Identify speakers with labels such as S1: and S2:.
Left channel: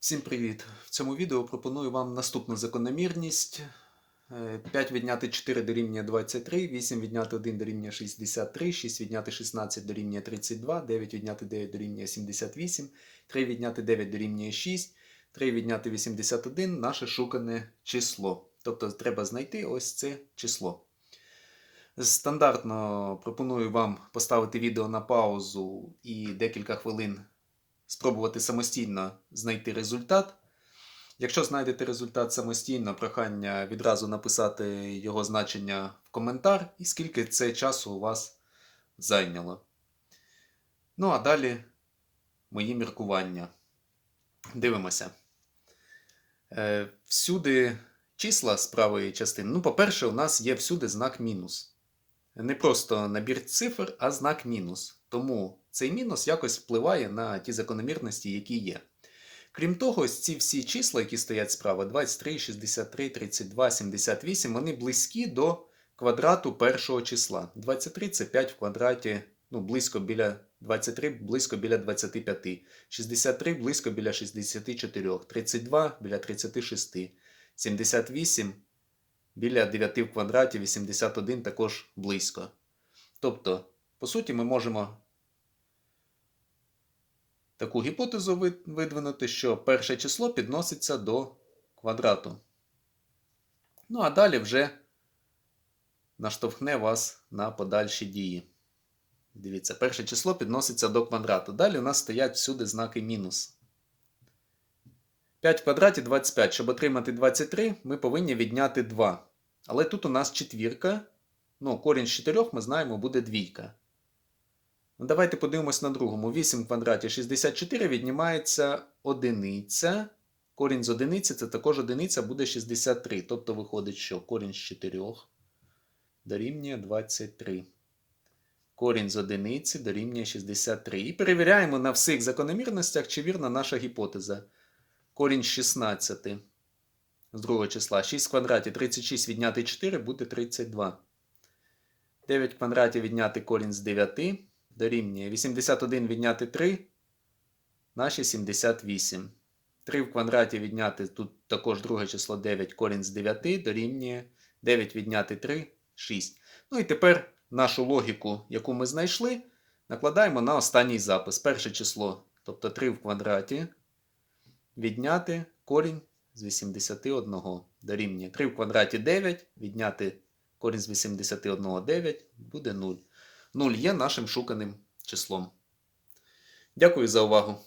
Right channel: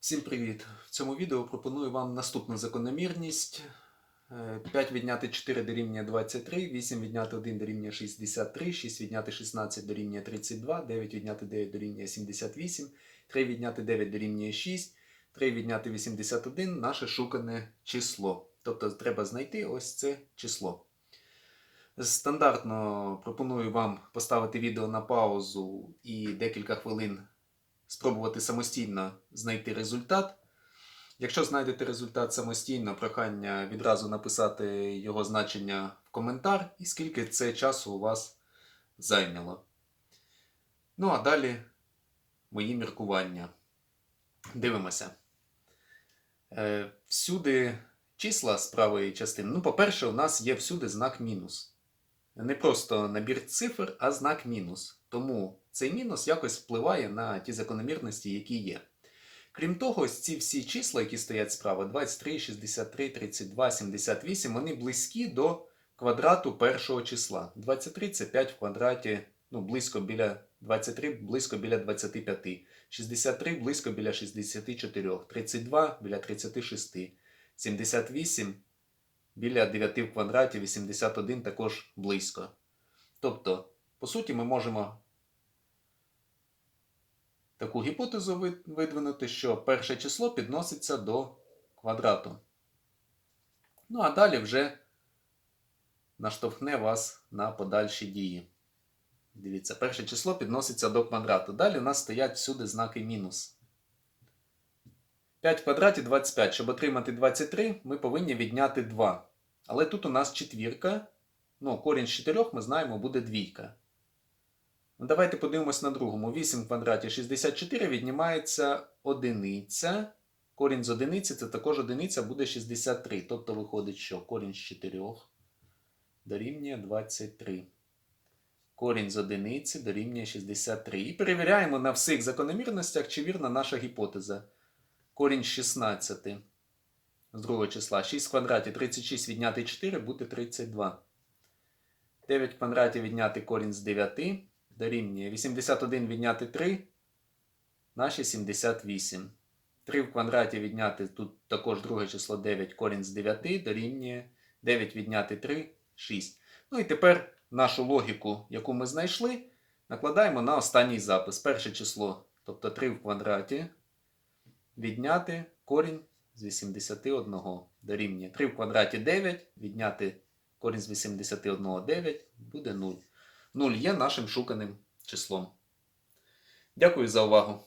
S1: Всім привіт! В цьому відео пропоную вам наступну закономірність. Е, 5 відняти 4 дорівнює 23, 8 відняти 1 дорівнює 63, 6 відняти 16 дорівнює 32, 9 відняти 9 дорівнює 78, 3 відняти 9 дорівнює 6, 3 відняти 81 наше шукане число. Тобто треба знайти ось це число. Стандартно пропоную вам поставити відео на паузу і декілька хвилин спробувати самостійно знайти результат. Якщо знайдете результат самостійно, прохання відразу написати його значення в коментар і скільки це часу у вас зайняло. Ну а далі мої міркування. Дивимося. Е, всюди числа з правої частини. Ну, по-перше, у нас є всюди знак мінус. Не просто набір цифр, а знак мінус. Тому цей мінус якось впливає на ті закономірності, які є. Крім того, ось ці всі числа, які стоять справа, 23, 63, 32, 78, вони близькі до квадрату першого числа. 23 це 5 в квадраті, ну, близько біля 23, близько біля 25, 63 близько біля 64, 32 біля 36, 78 біля 9 в квадраті, 81 також близько. Тобто, по суті, ми можемо таку гіпотезу видвинути, що перше число підноситься до квадрату. Ну, а далі вже наштовхне вас на подальші дії. Дивіться, перше число підноситься до квадрату. Далі у нас стоять всюди знаки мінус. 5 в квадраті 25. Щоб отримати 23, ми повинні відняти 2. Але тут у нас четвірка. Ну, корінь з 4 ми знаємо, буде двійка. Ну, давайте подивимось на другому. 8 в квадраті 64 віднімається одиниця. Корінь з одиниці це також одиниця буде 63. Тобто виходить, що корінь з 4 дорівнює 23. Корінь з одиниці дорівнює 63. І перевіряємо на всіх закономірностях, чи вірна наша гіпотеза. Корінь з 16 з другого числа. 6 в квадраті 36 відняти 4 буде 32. 9 в квадраті відняти корінь з 9 дорівнює 81 відняти 3 наші 78. 3 в квадраті відняти тут також друге число 9 корінь з 9 дорівнює 9 відняти 3 6. Ну і тепер нашу логіку, яку ми знайшли, накладаємо на останній запис. Перше число, тобто 3 в квадраті, відняти корінь з 81 дорівнює 3 в квадраті 9, відняти корінь з 81 9 буде 0. 0 є нашим шуканим числом. Дякую за увагу.